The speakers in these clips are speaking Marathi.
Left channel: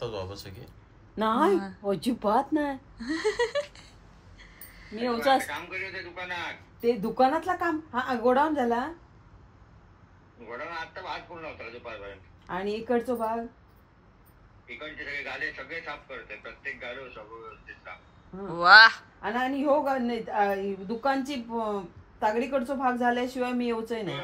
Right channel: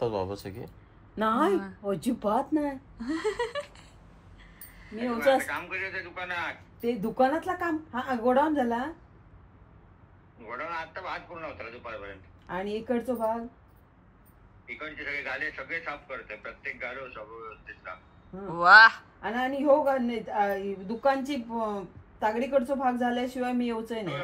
लागतात बाबा सगळे? नाही अजिबात नाही. मी काम करत दुकानात. ते दुकानातला काम हा गोडाऊन झाला. गोडाऊन आता भात पूर्ण होता दुपारपर्यंत. आणि इकडचा भाग इकडचे सगळे गाले सगळे साफ करते. प्रत्येक गालो सगळं व्यवस्थित साफ. वा. आणि हो दुकानची तागडीकडचा भाग झाल्याशिवाय मी येऊचंय नाही.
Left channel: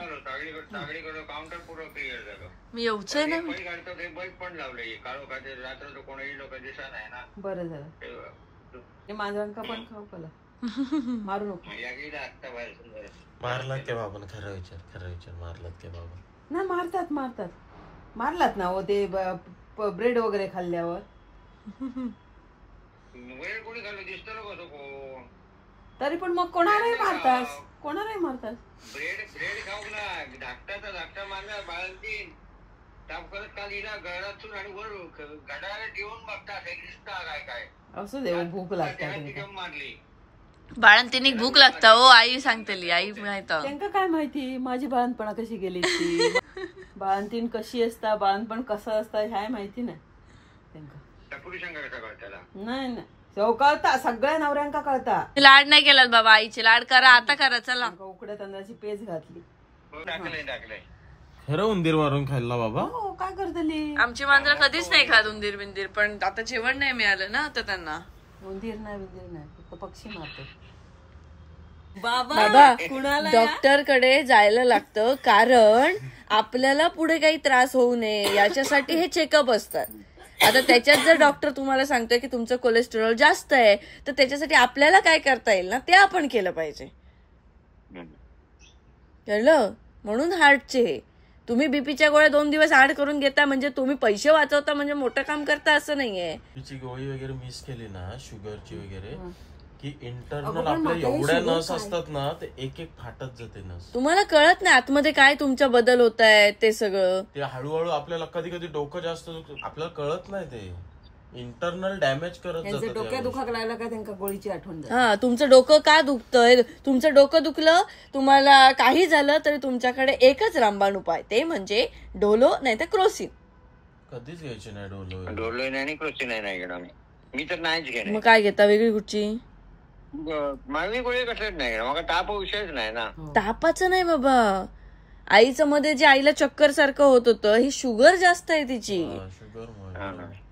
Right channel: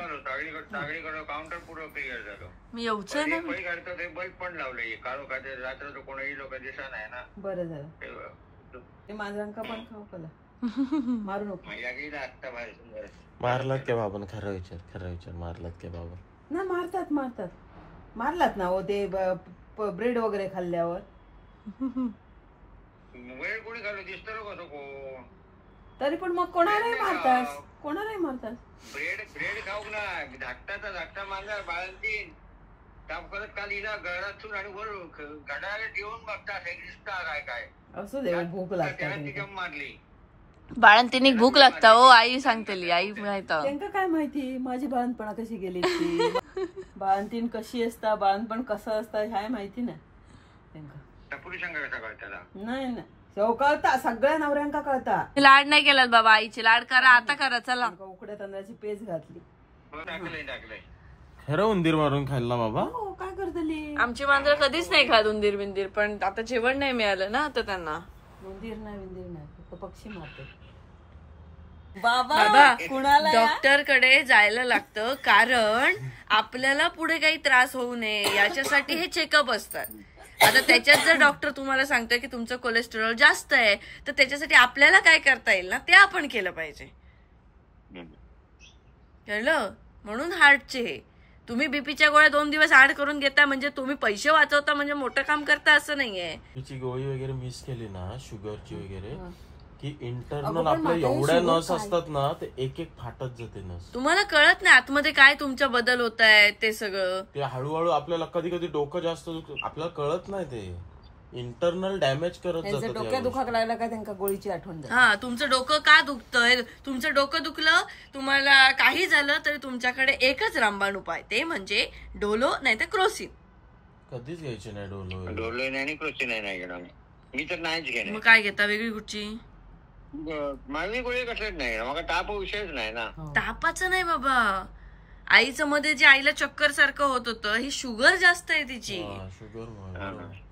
तागडीकडं काउंटर पूर्ण क्लिअर झालं. मी येऊचंय ना. ते बल्ब पण लावलंय. काळो खाते रात्र तो कोणाही लोक दिसा नाही ना. बरं झालं. माझ्यांका पण खाऊ कला मारू नको. आता बाहेर सुंदर मारलात के बाबा? खरं विचार मारलात के बाबा? ना मारतात मारलात ना हो ते ब्रेड वगैरे खाल्ल्यावर. वेळ कोणी खाल्लं दिसतं लोक कोण. तरी पण मग कोणालाही मारतात. ब्रेड खाऊ ना. धाकटा मारला बाळंतीन ताप करत काल हिला घरातून आणि वर घड्याला ठेवून बघता दिसता काय असू दे. भूक लागते मारली. बाळंतीने भूक लागता हो. आई सांगतेली. आई माहित त्यांना काय माहिती माझी बाळणपणा कशी गेली. बाळंतीन कशी असता बाळणपण कसं असतं ह्या माहिती नाही त्यांना. नाही कळता सगळ्या नवऱ्यांका कळता. लाड नाही केला बाबा. आईचे लाड करा. आता करा. चला. उकड्या तांदळाची पेज घातली. टाकलंय. खरं उंदीर मारून खाल्ला बाबा? काय करतली. आमची मांजर कधीच नाही खात उंदीर बिंदीर. पण आता जेवण नाही मिळालं ना आता त्यांना. उंदीर नाही पक्षी मारतो. बाबा डॉक्टर कडे जायला लागतं कारण आपल्याला पुढे काही त्रास होऊ नये याच्यासाठी हे चेकअप असतात. आता त्याच्यात जर डॉक्टर तुम्हाला सांगतोय की तुमचं कोलेस्टेरॉल जास्त आहे तर त्याच्यासाठी आपल्याला काय करता येईल ना ते आपण केलं पाहिजे. कळलं? म्हणून हार्टचे हे तुम्ही बीपीच्या गोळ्या 2 दिवस ऍड करून घेता म्हणजे तुम्ही पैसे वाचवता म्हणजे मोठं काम करता असं नाहीये. तिची गोळी वगैरे मिस केली ना शुगरची वगैरे की इंटरनल आपल्या एवढ्या नस असतात ना ते एक फाटत जाते नस. तुम्हाला कळत नाही आतमध्ये काय तुमच्या बदल होत आहे ते सगळं. ते हळूहळू आपल्याला कधी डोकं जास्त आपल्याला कळत नाही. ते इंटरनल डॅमेज करत जातं. डोक्यात दुखाक लागला का त्यांना गोळीची आठवण. हा तुमचं डोकं का दुखतंय. तुमचं डोकं दुखलं तुम्हाला काही झालं तरी तुमच्याकडे एकच रामबाण उपाय ते म्हणजे डोलो नाही तर क्रोसिन. कधीच घ्यायचे नाही डोलो नाही आणि क्रोसिन नाही घेणार मी तर नाहीच घेणार. मग काय घेता वेगळी कुठची? माझी गोळी कसलीच नाही. मग ताप विषयच नाही ना. तापाचं नाही बाबा. आईचं मध्ये जे आईला चक्कर सारखं होत होतं ही शुगर जास्त आहे तिची.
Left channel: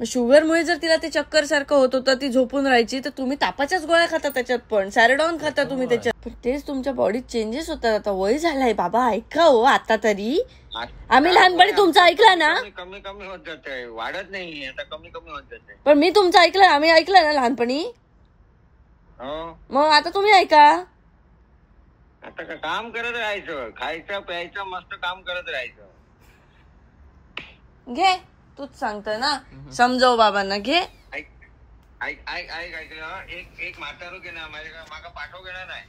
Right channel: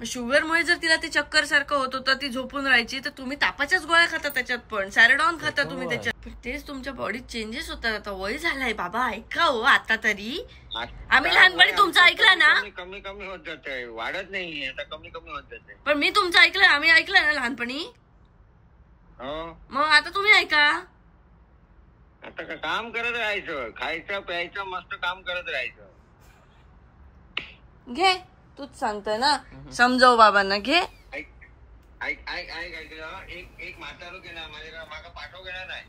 शुगरमुळे जर तिला ते चक्कर सारखं होत होतं ती झोपून राहायची तर तुम्ही तापाच्याच गोळ्या खाता त्याच्यात पण सॅरेडॉन खाता तुम्ही त्याच्यात. तेच तुमच्या बॉडीत चेंजेस होतात. आता वय झालाय बाबा ऐका हो आता तरी. आम्ही लहानपणी तुमचं ऐकलं ना. कमी होत जाते वाढत नाही आता कमी होत जाते. पण मी तुमचं ऐकलं आम्ही ऐकलं ना लहानपणी. मग आता तुम्ही ऐका. आता काम करत राहायचं खायचं प्यायचं मस्त काम करत राहायचं. घे तूच सांगतोय ना समजव बाबांना. घे एक म्हातारो घेणार माझ्या मागा पाठव घेणार नाही.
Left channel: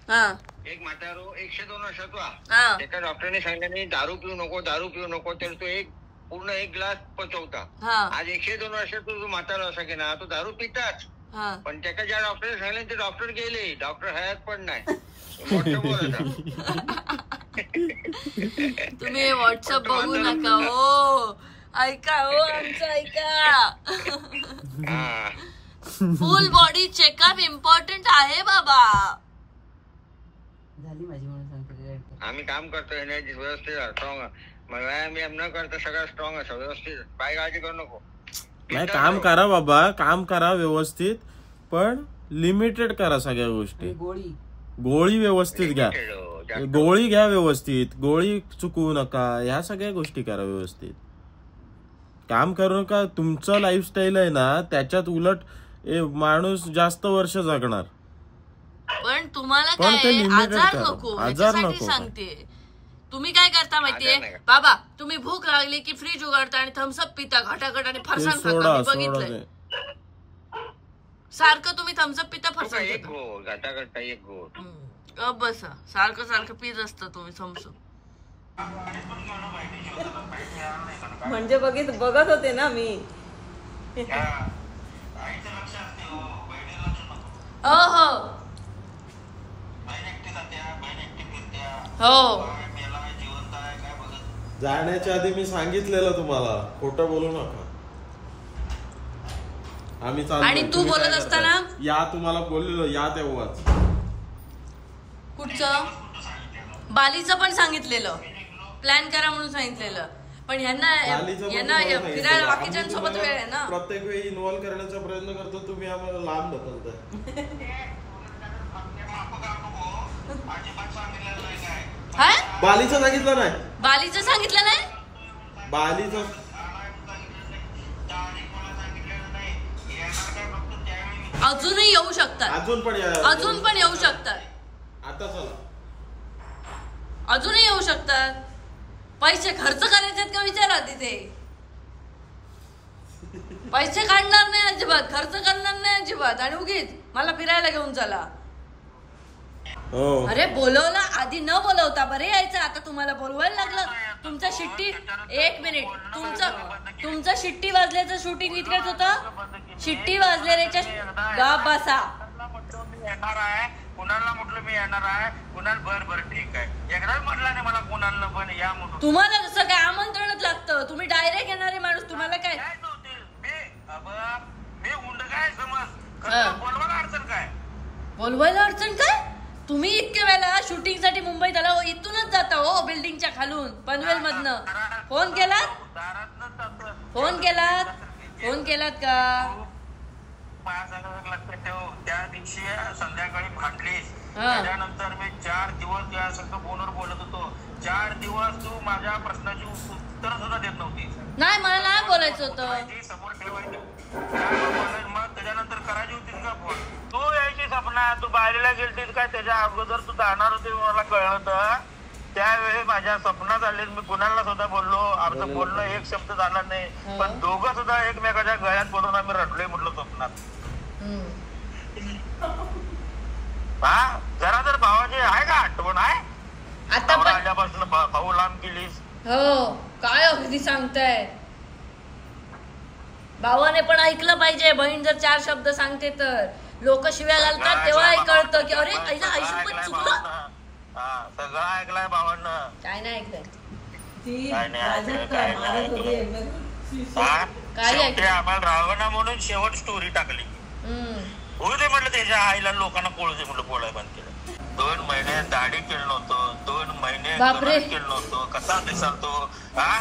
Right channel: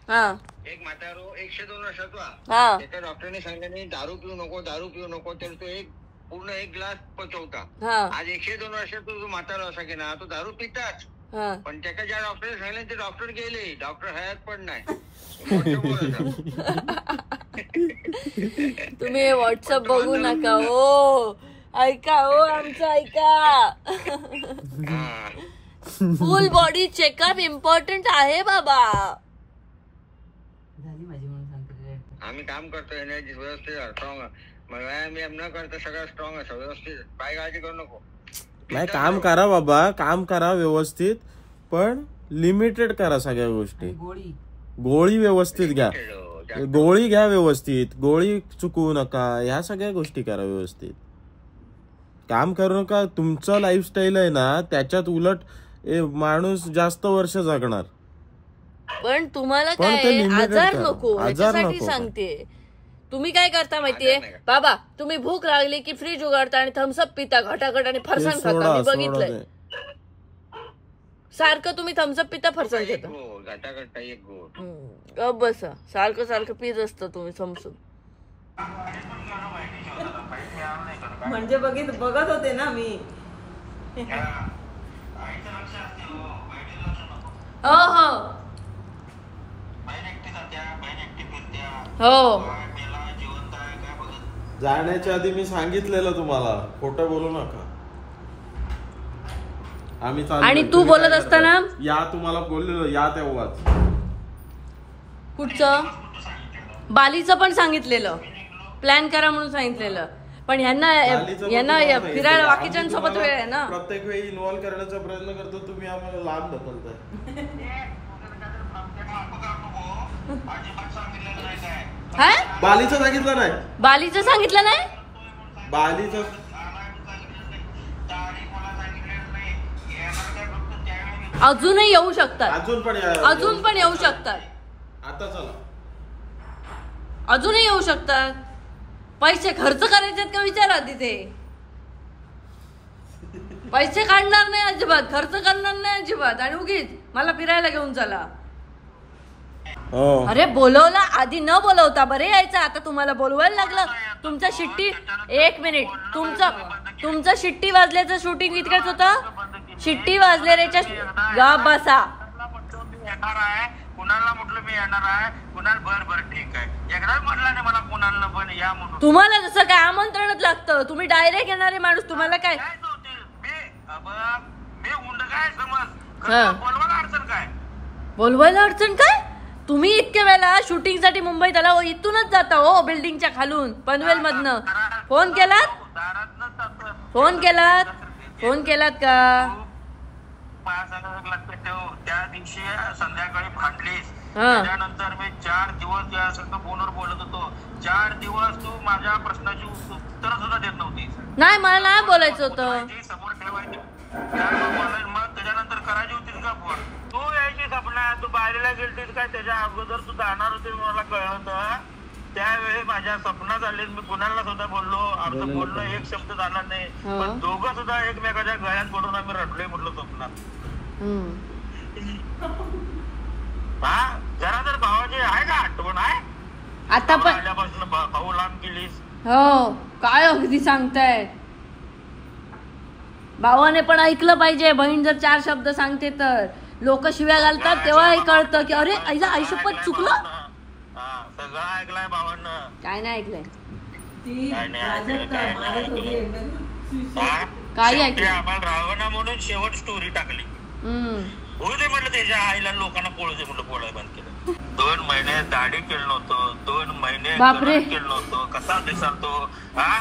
एक म्हातारो 102 वर्षाचा एका डॉक्टरने सांगितलं दारू पिऊ नको तर तो पूर्ण 1 ग्लास पचवता. आज 102 वर्षाचा जो म्हातारा असा घेणार तो दारू पिताच. पण त्याच्या ज्या डॉक्टरने सांगितलं ते डॉक्टर गेले. डॉक्टर हयात पण नाही. तुम्ही व्हॉट्सअप बघू नका हो. ऐका हो आमचं ऐका. फुल बॉडी चेकअप इम्पॉर्टंट आहे बाबा. झाली माझी म्हणून सांगतो. आम्ही काम करतो एनर्जी व्यवस्थित स्ट्रॉंग. व्यायाम न करता सगळं स्ट्रॉंग असं व्यवस्थित. काय काळजी करू नको. नाही काम करा बाबा काम करा व्यवस्थित पण लिमिटेड करा सगळ्या गोष्टी. गोळी व्यवस्थित घ्या. गोळी घ्या व्यवस्थित. गोळी चुकवू नका. ह्या सगळ्या गोष्टी करा व्यवस्थित. काम करू नका. तुमचं लाईफस्टाईल आहे ना त्याच्यात उलट माणूस जास्त वर्ष जगणार. पण तुम्हाला काय आजार नको सांगते. तुम्ही काय करता माहितीये बाबा तुम्ही भूक लागली की फ्रीज उघडता आणि थम्सअप पिता घटाघट आणि फरसाण खाता. बघितलंय सारखं तुम्ही थम्सअप पिता फरसाण खाता. बसा सारखं पीत असतं तुम्ही थम्सअप. म्हणजे बघत होते ना मी. हो जाण्याच्या आधी मी सांगितलेलं तुम्हाला खोटं बोलू नका. आम्ही आणि तू बोलत असताना या तुम्हाला बोललेलो या तेव्हाच. कुठचं बालीचं पण सांगितलेलं, प्लॅन करा म्हणून सांगितलेलं, पण ह्यांना फिरायला बाकीच्यांसोबत वेळ आहे ना. प्रत्येक वेळी इन्व्हॉल्व करण्याचा प्रयत्न करतो, तुम्ही आम्हाला लांब ढकलताय. बालीचं सांगितलं नाही, बालीचं सांगितलं नाही, बालीचं अजूनही येऊ शकतात, अजून पण येऊ शकतात. आता चला अजूनही येऊ शकतात. पैसे खर्च करायचे का विचारा तिथे. पैसे काढणार नाही अजिबात, खर्च करणार नाही अजिबात, आणि उगीच मला फिरायला घेऊन चला. अरे बोलवला आधी न बोलवता बरे यायचं, आता तुम्हाला बोलवायला लागलं. तुमचं शिट्टी, एक मिनिट, तुमचं शिट्टी वाजल्याचं शूटिंग इतकंच होतं. शिट्टी वाजल्याच्या गा बसा. कुणाला म्हटलं मी येणार आहे, कुणाला बर ठीक आहे, एकदाच म्हटलं नाही मला कुणाला पण या म्हणून. तुम्हाला जसं काय आमंत्रणच लागतं, तुम्ही डायरेक्ट येणारे माणूस, तुम्हाला काय मी उंड काय समज, बोलवायला अडचण काय, बोलवायला अडचण काय. तुम्ही इतक्या वेळेला शूटिंग साठी मुंबईत आला, इथूनच जाता हो, बिल्डिंगच्या खालून पनवेल मधनं. फोन केलात का. लक्षात ठेव, त्या दिवशी संध्याकाळी भांडलीस, त्याच्यानंतर मी 4 दिवस या सगळं फोनवर बोलत होतो. 4 दिवस तू माझ्या प्रश्नाची उत्तर सुद्धा देत नव्हती. नाही, मला नाही बोलायचं होतं, समोर ठेवायची, मग त्याच्यानंतर करायची होतीस का फोन. तू यायची सपना, तू बाहेरला गेलतीस काय त्याच्या अगोदर तू जाणार होती मला कळलं होतं. त्यावेळी माझ्या स्वप्नात आले, मी कुणाला सुद्धा बोललो, आमचं बोलणं एक शब्द झाला नाही, पण दोघं सुद्धा एकमेकाच्या गळ्यात पडून आम्ही रडलोय म्हटलं स्वप्नात. हा, जरा तर भावाची आहे का आठवण आहे आता पण आल्यापासून भाऊ लांब केलीस. हो, काय अगदी सांगताय. भावाने पण ऐकलं पाहिजे, बहीण जर 4 शब्द सांगते तर लोक शिव्या घालतात, तेव्हाही कळतं की अरे आईला आयुष्यपत चुकलं. सगळं ऐकलंय भावानं. काय नाही ऐकलंय, काय ऐकलं. आम्हाला राहावं म्हणून शेवट स्टोरी टाकली. होऊ दे म्हटलं, त्याच्या आईला लोकांना कळू दे म्हटलं, बोलाय बंद केलं. 2 महिने दाढी केलं नव्हतं, 2 महिने केलं नव्हतं, कसा दिसतो हा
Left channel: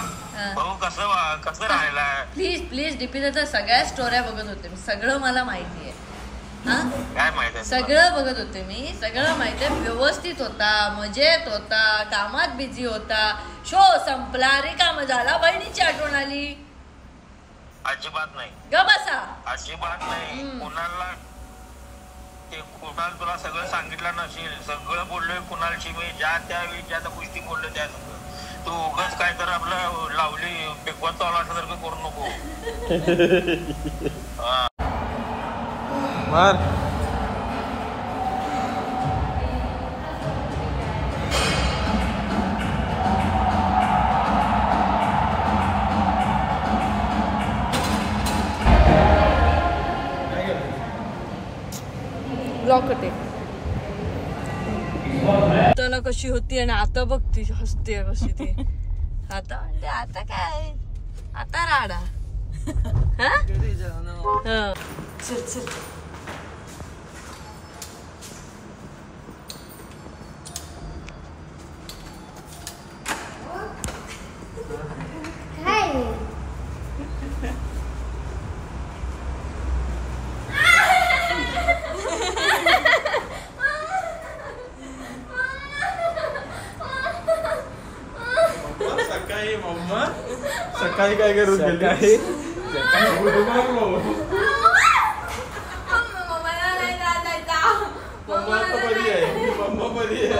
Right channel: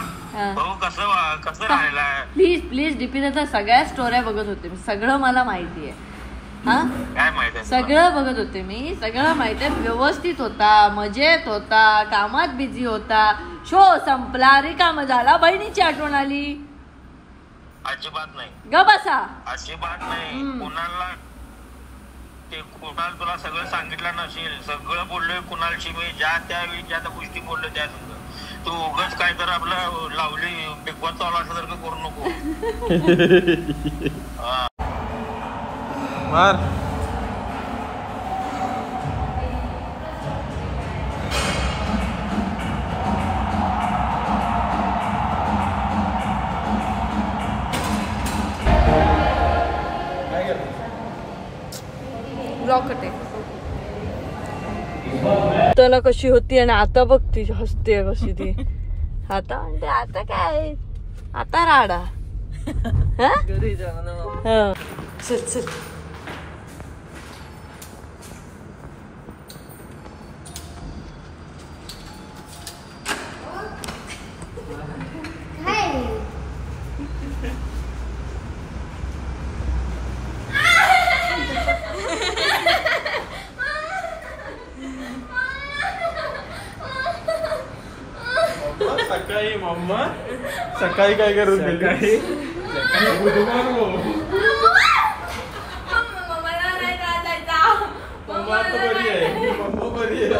भाऊ, कसं राहिला. प्लीज डीपी दादा, सगळ्या स्टोऱ्या बघत होते, सगळं मला माहिती आहे. काय माहिती आहे, सगळं बघत होते मी, सगळं माहिती आहे. व्यवस्थित होता, मजेत होता, कामात बिझी होता. शो संपला, रिकाम झाला, बहिणीची आठवण आली. अजिबात नाही, ग बसा, अजिबात नाही. कुणाला तुला सगळं सांगितलं नसेल, सगळं बोललोय कुणालशी मी, ज्या त्यावेळी ज्या त्या गोष्टी बोललो त्या सगळं. तू उगाच काय तर आपलं लावली बिगबॉस चालू असल्यासारखं करू नको. ब्लॉकटे त्याला कशी होती, आणि आता बघ ती हसते कशी ती. आता म्हणते आता काय, आता राडा. घरी जाऊ. चल सकाळी मम्मा सकाळी काय करून गेली. मम्मा आता बरी आहे, मम्मा बरी आहे.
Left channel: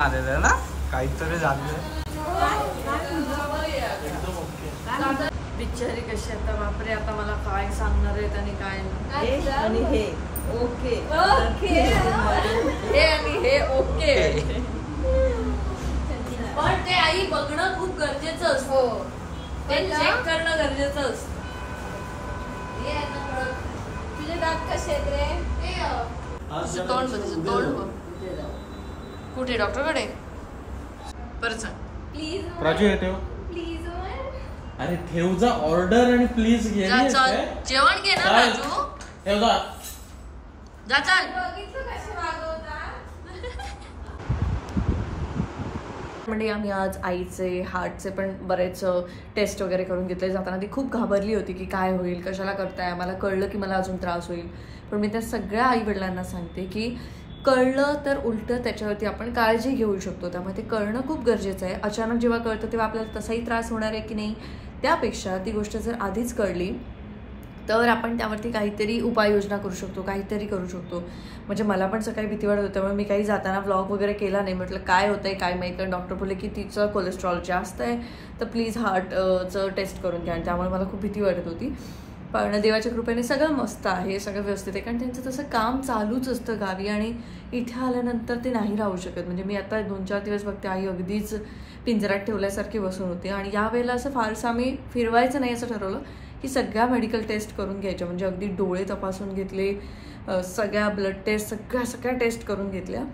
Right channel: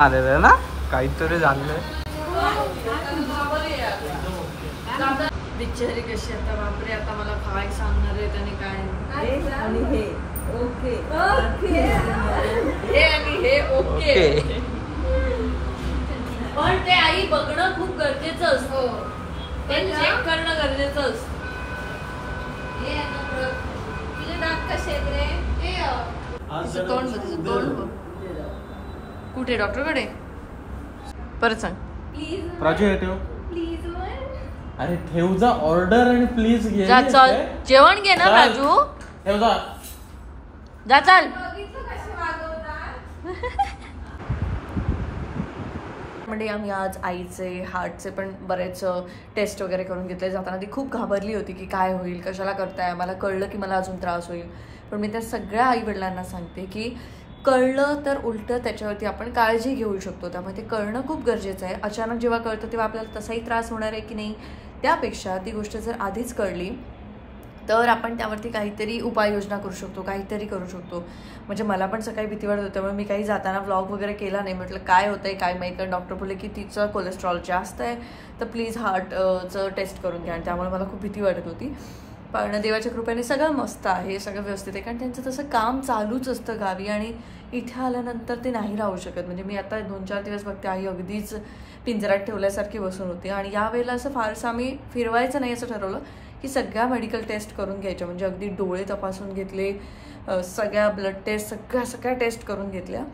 आलेलं ना काहीतरी झालंय. बिचारी कशी आता, बापरे, आता मला काय सांगणार आहेत आणि काय नाही. आणि हे ओके हे आणि हे ओके. पण ते आई बघणं खूप गरजेचं असतं, ते चेक करणं गरजेचं असतं. तिचं तोंड बघ, तिचं तोंड बघ. कुठे डॉक्टरकडे? परत सांग. प्राजू हे ठेव. अरे ठेव जा ऑर्डर आणि प्लीज घे. जेवण घे ना राजू. ठेव जा. जा चाल. म्हणजे आम्ही आज आईचे हार्टचे पण बरेच टेस्ट वगैरे करून घेतले. जाताना ती खूप घाबरली होती की काय होईल, कशाला करताय. मला कळलं की मला अजून त्रास होईल, पण मी त्या सगळ्या आई वडिलांना सांगते की कळलं तर उलटं त्याच्यावरती आपण काळजी घेऊ शकतो. त्यामुळे ते कळणं खूप गरजेचं आहे. अचानक जेव्हा कळतं तेव्हा आपल्याला तसाही त्रास होणार आहे की नाही, त्यापेक्षा ती गोष्ट जर आधीच कळली तर आपण त्यावरती काहीतरी उपाययोजना करू शकतो, काहीतरी करू शकतो. म्हणजे मला पण सकाळी भीती वाटत होती, त्यामुळे मी काही जाताना व्लॉग वगैरे केला नाही. म्हटलं काय होतंय काय माहीत, कारण डॉक्टर बोलले की तिचं कोलेस्ट्रॉल जास्त आहे तर प्लीज हार्टचं टेस्ट करून घ्या. आणि त्यामुळे मला खूप भीती वाटत होती. पण देवाच्या कृपेने सगळं मस्त आहे, सगळं व्यवस्थित आहे. कारण त्यांचं तसं काम चालूच असतं गावी आणि इथे आल्यानंतर ते नाही राहू शकत. म्हणजे मी आता 2-4 दिवस बघते आई अगदीच पिंजऱ्यात ठेवल्यासारखी बसून होती. आणि यावेळेला असं फारसं आम्ही फिरवायचं नाही असं ठरवलं की सगळ्या मेडिकल टेस्ट करून घ्यायच्या. म्हणजे अगदी डोळे तपासून घेतले, सगळ्या ब्लड टेस्ट, सगळ्या टेस्ट करून घेतल्या.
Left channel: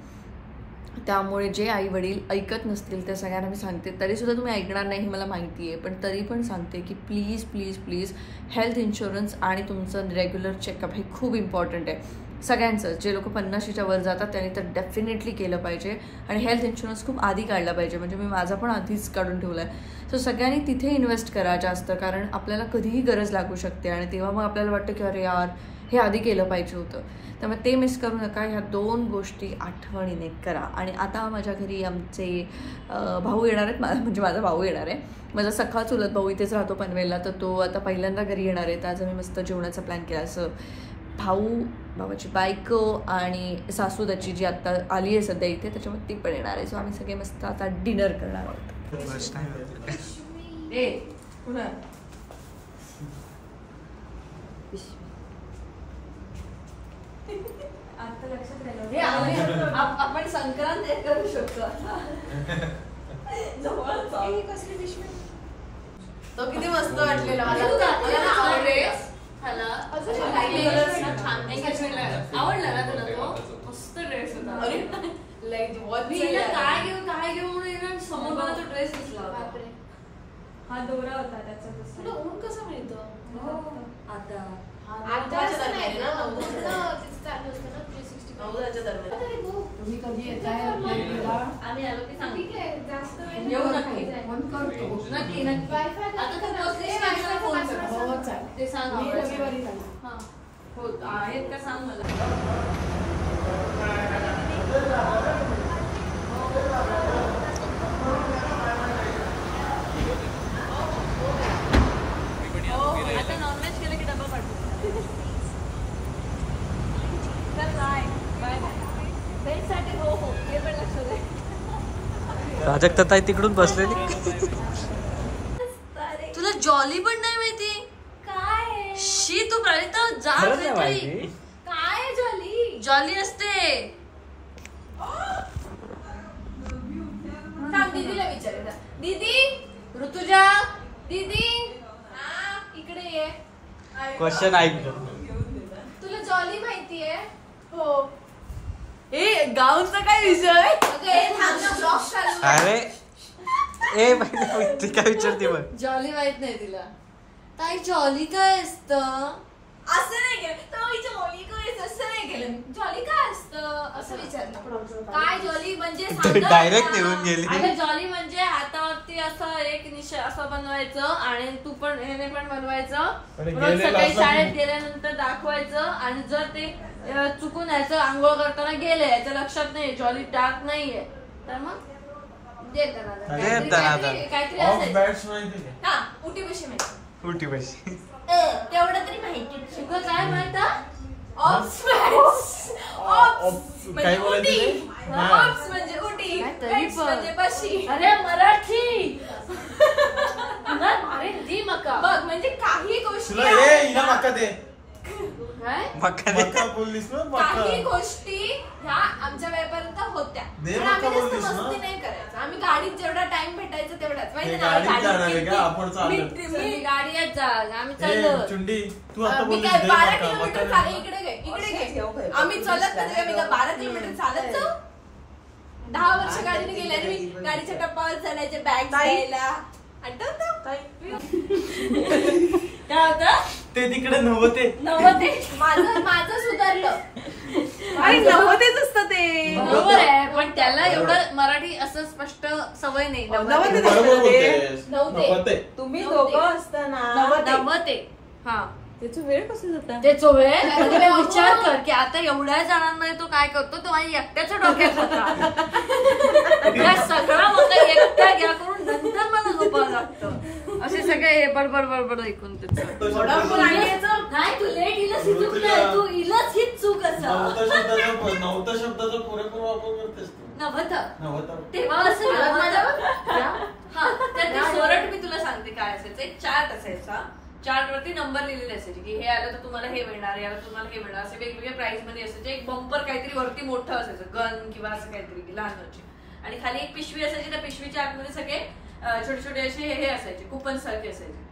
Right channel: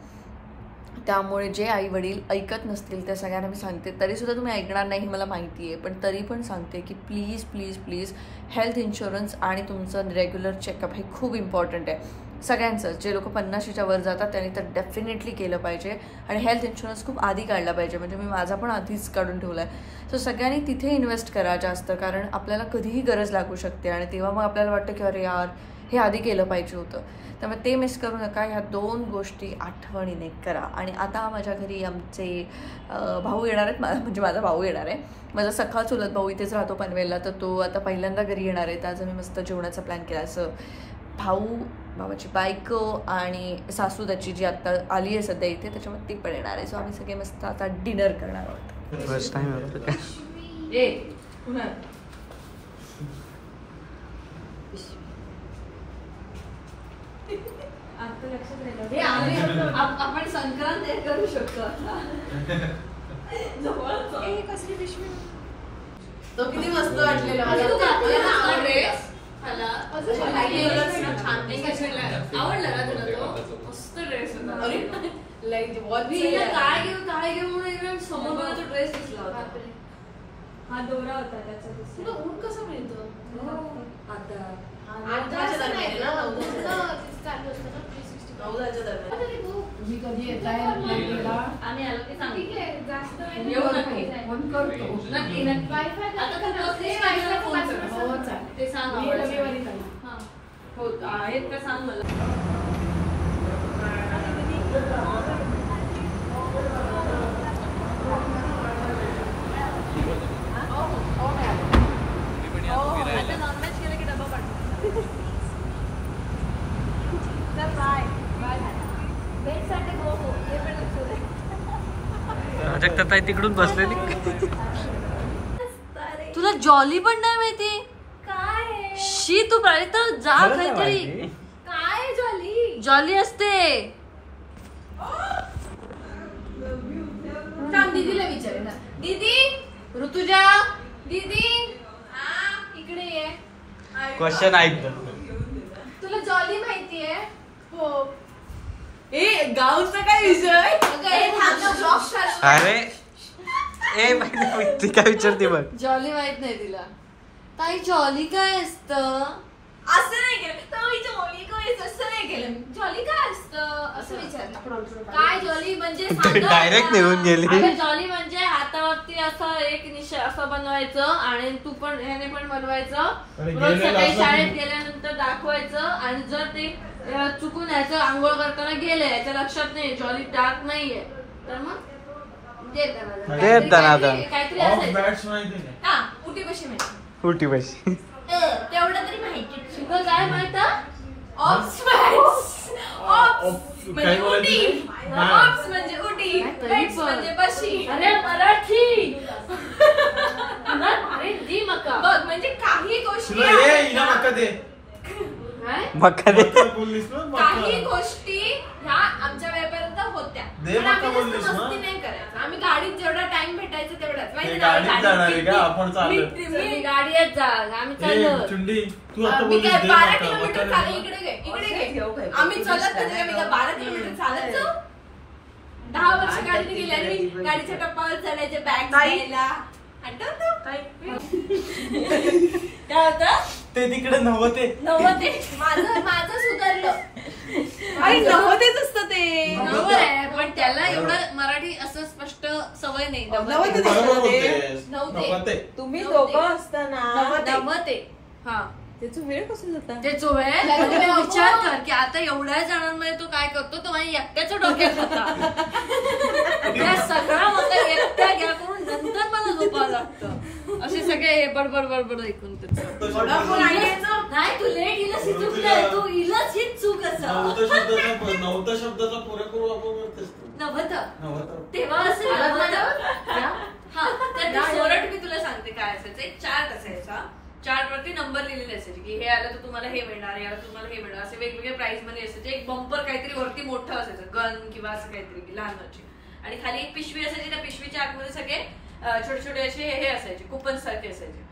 त्यामुळे जे आई वडील ऐकत नसतील त्या सगळ्यांना मी सांगते, तरीसुद्धा तुम्ही ऐकणार नाही मला माहिती आहे, पण तरी पण सांगते की please please please health insurance आणि तुमचं रेग्युलर चेकअप हे खूप इम्पॉर्टंट आहे सगळ्यांचं. जे लोक 50च्या वर जातात त्यांनी तर डेफिनेटली केलं पाहिजे. आणि हेल्थ इन्शुरन्स खूप आधी काढला पाहिजे. म्हणजे मी माझा पण आधीच काढून ठेवला आहे. सो सगळ्यांनी तिथे इन्व्हेस्ट करा जास्त, कारण आपल्याला कधीही गरज लागू शकते. आणि तेव्हा मग आपल्याला वाटतं की अरे यार हे आधी केलं पाहिजे होतं. त्यामुळे ते मिस करू नका. ह्या 2 गोष्टी आठवणीने करा. आणि आता माझ्या घरी आमचे भाऊ येणार आहेत. म्हणजे माझा भाऊ येणार आहे. माझा सखा चुलत भाऊ इथेच राहतो पनवेलला, तर तो आता पहिल्यांदा घरी येणार आहे. तर आज आम्ही मस्त जेवणाचा प्लॅन केला. असं भावाची बायको आणि सासू त्याची जी आता आली आहे सध्या इथे, त्याच्यामुळे ती पण येणार आहे. सो आम्ही सगळे मस्त आता डिनर करणार आहोत. फर्स्ट टाइम आता लक्षात राहिलं आपण संक्रांत करू शकतो. तो किती मस्त वाटलेला आवडला ना तुला तो मस्त ड्रेस होता. काय घेऊ म्हणून समोर मला तो ड्रेस दिसला होता. हा दोरा होता त्याचा. ऊन कसं मिळतं आता आम्ही आलो की सांग नक्की नक्की ते सांग हो आहेत का सांग मला. आता नॉनव्हेज केलं की डबा पाठवू. चल बाय बाय. बेटसाठी हो हो हे पण लक्षात आहे. प्राजक्ता ताई तिकडून बसलेली. तुला जॉली पण नाही माहिती काय? शी तू प्राजक्ता जा काहीतरी. काय जॉली? जॉली असते. थांब दीदीला विचार. दीदी ऋतुजा दीदी इकडे ये. क्वेश्चन ऐक. तुला जॉली माहितीये? हो. ए गावचा काय विषय? अरे ए ती काय विचारते बघ. जॉली माहित नाही तिला. ताई जॉली काय असतं? असं नाही केलं. जॉली काय असं नाही केलं. जॉली काय असतं असं विचारलं. काय जॉली म्हणजे डायरेक्ट निघून गेली. जॉली म्हणजे हातावरती असं एक निश असं बनवायचं आणि तू पण ह्याने पण बनवायचं. रोज सकाळी शाळेत गेल्यानंतर दाखवायचं. आणि जर ते चुकून याचं आंघोळ करताना गेले याच्या लक्षात नाही जॉली डार्क नाहीये तर मग काहीतरी असेल. हा उटी बशी माहिती. उटी बशी तेवढं तरी माहिती. शिकव काय माहित? काय बोलायचं म्हणजे उटी म्हणजे बशी. अरे मराठी बघ म्हणजे काही गोष्टी मक्का दे. बोललीस ना काही गोष्टी ह्या आमच्या वेळेपर्यंत होत्या पण आम्ही जास्त मस्ती नाही करायचं. आम्ही गाडीत जेवढा टाइम भेटायचं तेवढाच माहिती ना. गाडीत जा आम्ही चाललो. चुंडी तू आता मी बोललीस काय दे 12 मक्का. किलोमीटर चालत इकडे घे. आम्ही चलत कधी मी 12 किलोमीटर चालत जाऊ. 10 वर्ष गाडीने गेली आणि मी गाडीच्या टप्प्यावर चढायचे बॅग द्यायला. ते तिकडे नव्हते माझं सुधारलं. नव्वदेच असतं ते. बरोबर आहे पण त्याला एवढं मराठी असं स्पष्ट सवय नाही. नव्हते तुम्ही दोघं असताना नव्वते. हा त्याचा वेळ कसा जाता. त्याचं वेळ विचार कर की आता एवढ्या जणांमध्ये तो काय करतो तो माझ्या एकट्याच्या डोक्यात होता. या सगळा मला एकट्या घ्या करून नंतर मला झोपावं लागतं. असे सगळे हे बडबड बडबड ऐकून त्याचं नाही तू लेट इलच ही चूक नाही. तू इलच हीच चूक असं नव्हता शब्दाचा पुरेपूर वापर करतेस नव्हतं तेव्हा असेल. हा तर सोरट मी तुला सांगते काय असायचं. एक चार्ट असायचा. चार्ट वरती नंबर लिहिलेले असायचे की हे आलं तर तुम्हाला हे मिळणार याला तुम्हाला हे मिळणार असे वेगवेगळे प्राइस मध्ये असायचे. एक बंपर काहीतरी वरती मोठं असायचं गन किंवा असं काहीतरी लहानची आणि खाली एक पिशवी असायची. त्या पिशवीच्या आतमध्ये सगळे छोटे छोटे असे हे असायचे कुपन सारखे असायचे.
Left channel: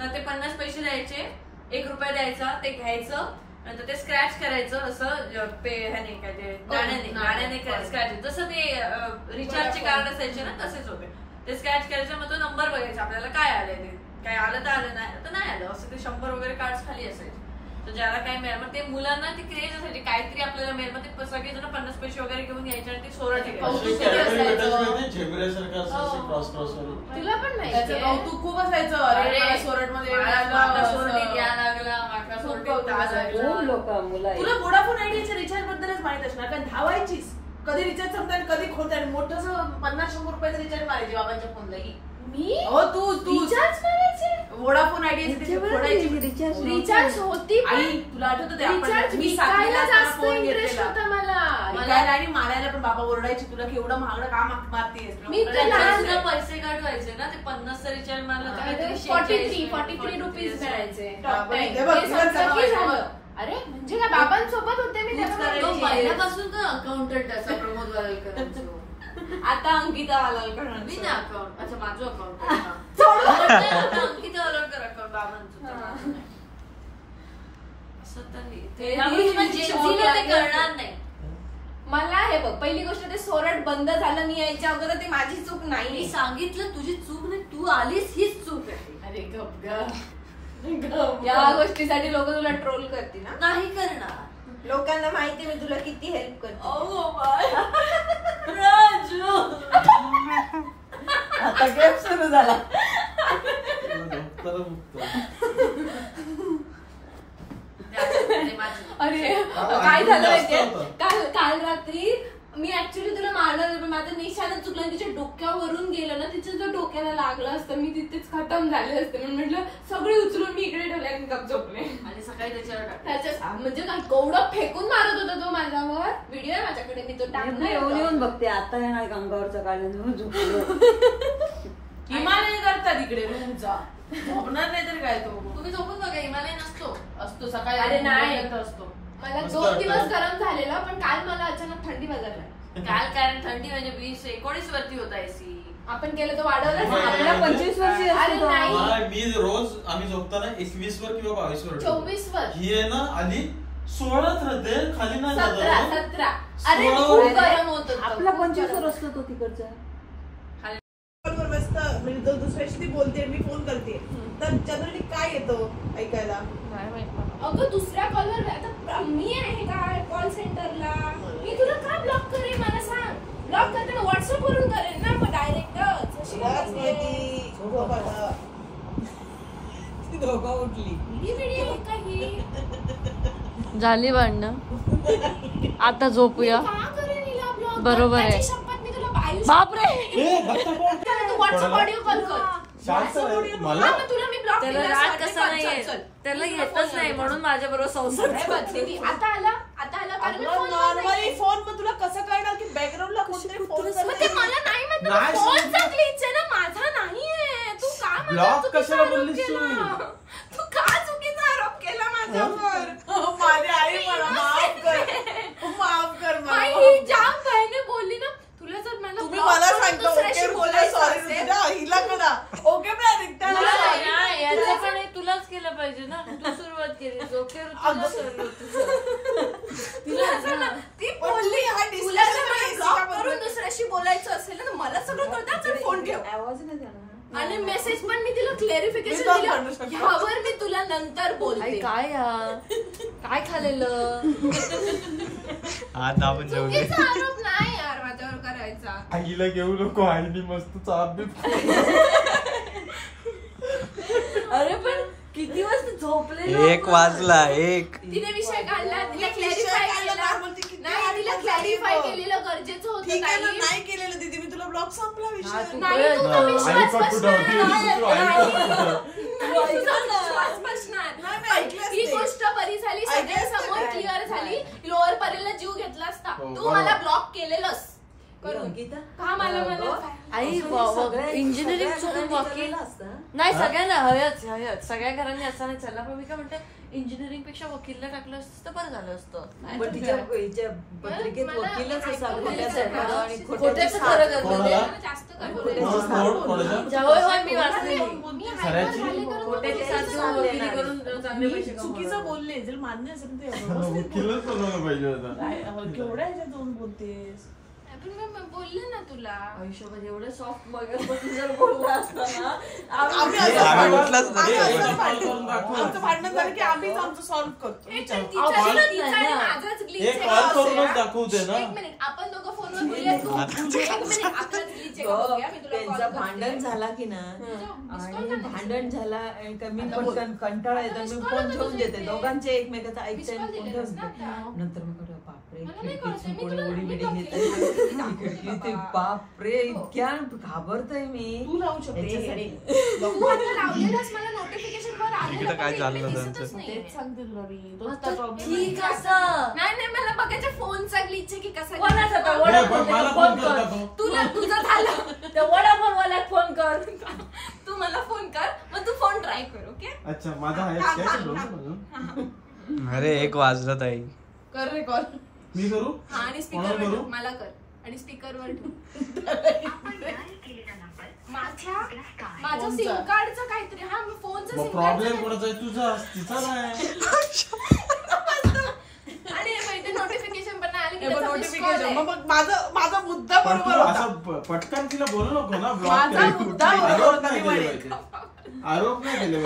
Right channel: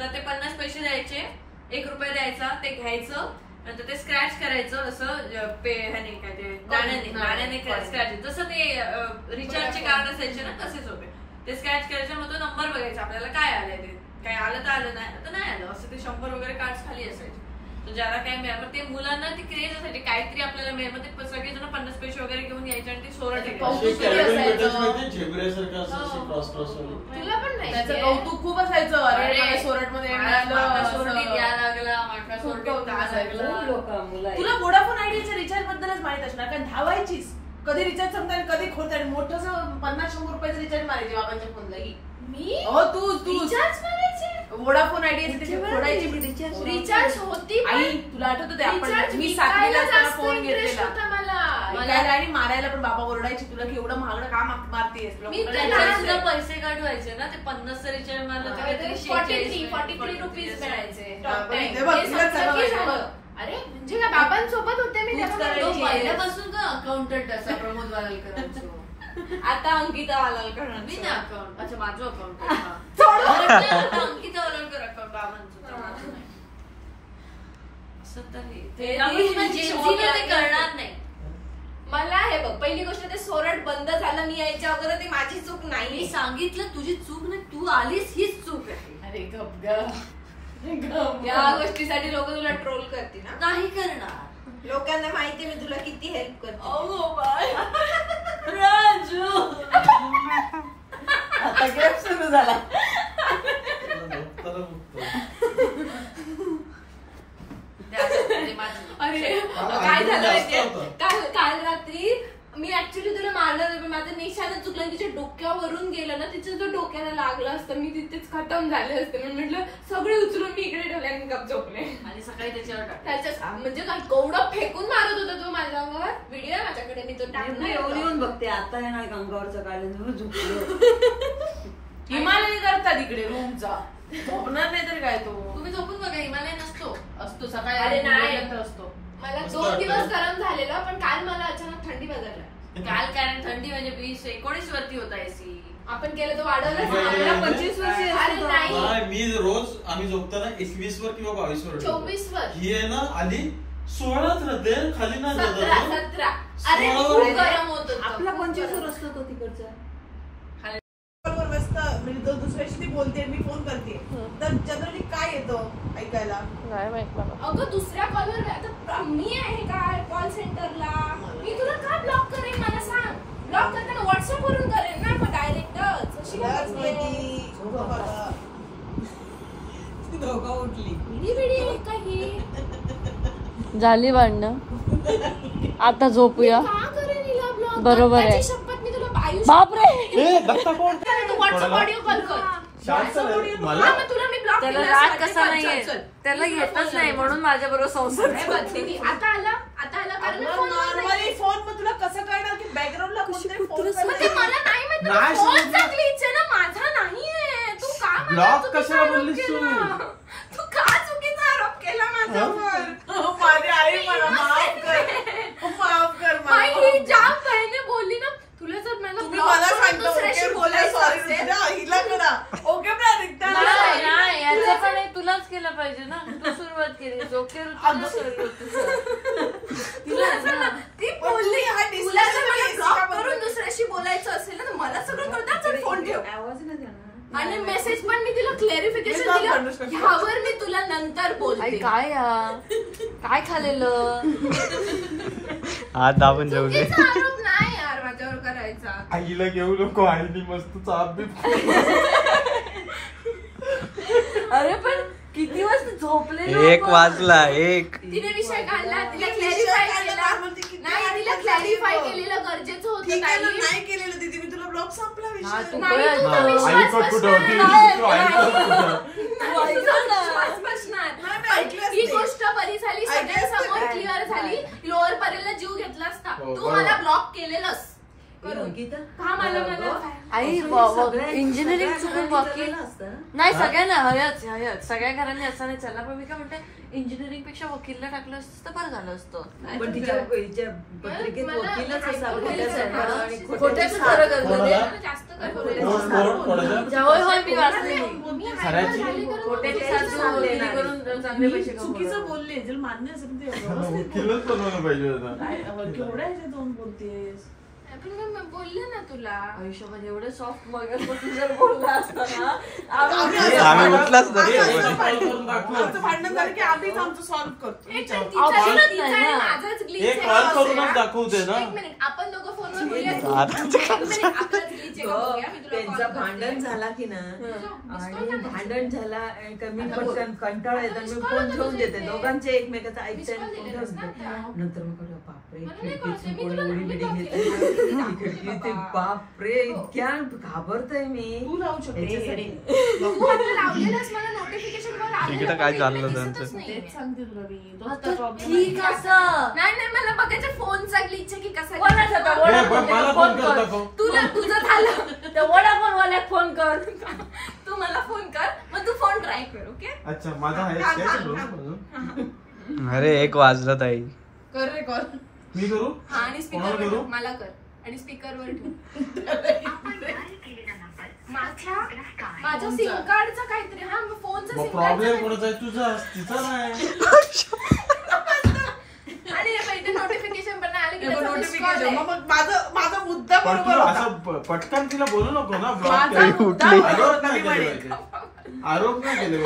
तर ते 50 पैसे द्यायचे. 1 रुपया द्यायचा ते घ्यायचं नंतर ते स्क्रॅच करायचं असं ह्याने काय ते गाण्याने स्क्रॅच जसं ते रिचार्जचे कार्ड असायचे ना तसेच होते. ते स्क्रॅच करायचं मग तो नंबर बघायचा आपल्याला काय आले ते काय आलं तर आलं नाही तर नाही आलं असं ते 100 वगैरे कार्ड खाली असायचे. तर ज्याला काय मिळेल मग ते मुलांना ती क्रेज असायची काहीतरी आपल्याला मिळेल मग ते सगळेजण 50 पैसे वगैरे घेऊन यायचे आणि ती सोरट तुला पण त्याचं कौतुक खूप असायचं. सोरट मध्ये तुला वोडाफोन आयडियाच्या रिचार्ज बद्दलच माहित असणार कारण धावायचीच कधी रिचार्ज संपता कधी खोलता मोठं 50-100 रुपयाचं रिचार्ज मारायचे बाबांच्या फोनला. मी तू रिचार्ज करायचे वोडाफोन आयडियाचे रिचार्ज होती. आई तुला आठवतं ते आपण मी 7वीला असताना फोन घेतलेला आणि मारायला पण बाबा ओरडायची तुला केवढं महागडं का मारतेस. पैसे काढवायचे ना ते 50 रिचार्ज मारलं तर 43 रुपीज मिळायचे. अरे म्हणजे काय बाबांसोबत होते मी पहिल्यापासून तर अकाउंटंट असा प्रमोद वागलकर. आता अंकिता वालकर मी ना अकाउंट अच्छा माझं अकाउंट अंकिता वालकर अकाउंट बाबांचं असं तर ते करणार नाही. मला हे बघ पहिली गोष्ट ते सोरट बंद झालं मी यायच्या अगोदर ते माझी चूक नाही. मी सांगितलं तुझी चूक नाही तू आलीस हीच चूक आहे. अरे या गोष्टीसाठी लोक तुला ट्रोल करतील ना. नाही करणार. लोकांना माहिती मी तुला किती हेल्प करते. राजू आता गेम सुरू झाला. अरे काय झालं माहितीये काल रात्री मी ऍक्च्युली तुला मारलं माझं निशाणच चुकलं तिच्या डोक्यावरून गेलं ना तिच्या जर डोक्याला लागलं असतं मी तिथेच खतम झाले असते. म्हणून म्हटलं सगळे उचलून मी इकडे ठेवले आणि गप झोपले. आणि सकाळी त्याच्या म्हणजे काय कवडं फेकून मारत होता तो माझ्यावर. व्हिडिओ आहे माझ्याकडे मी तो टाकला. येऊन बघते आता येणार गंगावरचं काढून झोपलो. हिमालय करतात इकडे रूमचा झोपणार नाही तर काय तो तुम्ही झोपून बघा. हिमालय नसतो असतो सकाळी. अरे नाही असतो. मला 2 दिवस गरम झालेला पण काल मला अचानक थंडी वाजवला. काल कारण थंडी म्हणजे 20-19 वरती होता एसी. आपण केलं तर वाढवलं 25 वर्ष. मी रोज आम्ही झोपताना 21 वर किंवा 22 वर 24 वर ही आहे ना आली 16च राहते खाली नाही 17. अरे खूप गरम होत आपला 25 वर असतो तो तिकडचा. म्हणजे तो दुसऱ्याशी बोलते मी फोन करते तर जनरली काय येतं ऐकायला अगं दुसऱ्या कॉलवर आता मी आहे का कॉल सेंटरला मी तुला का ब्लॉक करेन मला सांग. ब्लॉक करताना व्हॉट्सअप वरून करेन ना मग डायरेक्टच दोघं उठली काही झाली भांडणं आता झोपूया. बरोबर आहे. शपथ मी तुला बापरे व्हॉट्सअप ऑडिओ कॉल कर. त्याला राग कसा नाहीये त्याला येतच नाही म्हणून माझ्या बरोबर संसार. आता आला नॉर्मली फोन मग तुला कसं कळणार की बॅकग्राऊंडला कोणतरी फोन ते मला नाही माहिती. फोनचा ग्लिच आहे ना माझा नाहीये. तू का ब्लॉक कशाला बोललीस तू का चुकीचा आरोप केला माझ्यावर. ती बोलली तुला जर ब्लॉक करून दुसऱ्याशी बोलायचं असेल ना, मला सगळं कळतं, फोन ठेव. आणि मेसेज पण मी तिला क्लॅरिफिकेशन दिलं, ह्यावर मी तुला नंतर बोलते. काय खाल्लेलं आज आपण जेवले. आरोप नाही यार माझ्यावर करायचा. आईला घेऊ नको, आईनी मस्त चाप बी. अरे पण किती वाजता झोपले? 1 वाजला. 1 तिने विषय काढला, तिला क्लॅरिफाय केला. नाही, तिला क्लॅरिफाय केलेलं गरजेचं होतं. नाही केलेलं दीदी, मी तुला ब्लॉग संपला विषय. ही गोष्ट बरी झाली, सगळ्यांसमोर क्लिअर झाली. लोअर पर्यंत जीव घेतला असता, तू मला ब्लॉक केलेलंस का? मला आई इंजिनिअरिंग चुकून वकील नाही, सगळ्यांना हयच सगळ्या घरांनी असं नाही चालला. पण मी काय म्हणते, इंजिनिअरिंग पेक्षा वकीलला टाकलं असतं तर बरं झालं असतं. मी वाचलेली खोट्याची साथ देऊन वकिली करून चांगले पैसे चुकीचं बोलले, जर मान्य असेल ते वकीलच बनवायला पाहिजे होता. केवढ्या दोन बोलतेस. पण मी बोलले ना तुला, आयुष्यामध्ये एवढे सॉफ्ट मगापासून जर बोलला असता ना, आम्ही उठलाच तरी आमचं भांडण झालं की आम्हीच आमचं सॉल्व्ह करतो. माझाच ग्लिच एक कॉल करूनच दाखवते ना. एक मिनिट, आपण दोघं फोनवर बोलूया. त्यांचं भांडण झाला की ना, आणि भांडण झाला मी पण कंटाळा येतात, मी फोन ठेवून देते. दोघांचे एकमेकाचं ऐकते आणि फोन ठेवून देते. नंतर मग बापरे खिडकीतून कोणी उडी बिडी घेते, ते बापरे इतक्या घाबरतोय मी. तू राहू शकते. तिकडे काय चाललं त्यांचं? ठीक असं नाही, मला बघायचं फोनचा ग्लिच आहे की कसा. तुला तुझं झालं तर वडाफोन वाल्या फोन कर, तू मला फोन कर, मग तू फोन ट्राय कर. ओके. अच्छा, माझा आहे. अरे 1 वाजला ताई. कर रे कॉल. मी करू? हा, आणि स्पीकर वर मला कर आणि स्पीकर वर ठेव. माझ्या सिम कार्डचं काहीतरी. हा, फोनचा सिम प्रॉब्लेम कोणाचा आहे? तुझा, तिचा नाही. आणि हे नोटिफिकेशन पण आले की नोटिफिकेशन. मग माझा मुद्दा बरोबर होता. असं पटकन तिला बोलू नको ना. माझा मुद्दा बरोबर होता. आरोप नाही केले.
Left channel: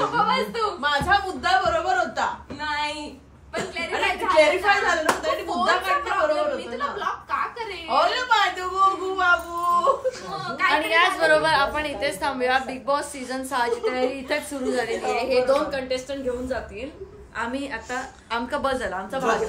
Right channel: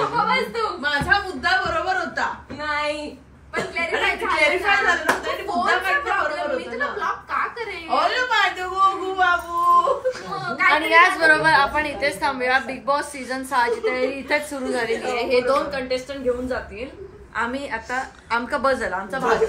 माझा मुद्दा बरोबर होता. नाही, पण क्लॅरिफाय झालं ना, मुद्दा बरोबर होता. मी तुला ब्लॉक का करेन? ओले माझं गोगू बाबू. आणि याच बरोबर आपण इथेच थांबूया. बिग बॉस सीझन 6ची तयारी इथेच सुरू झालेली आहे. हे 2 कंटेस्टंट घेऊन जातील. आम्ही आता आमका बस झाला, आमचा भाग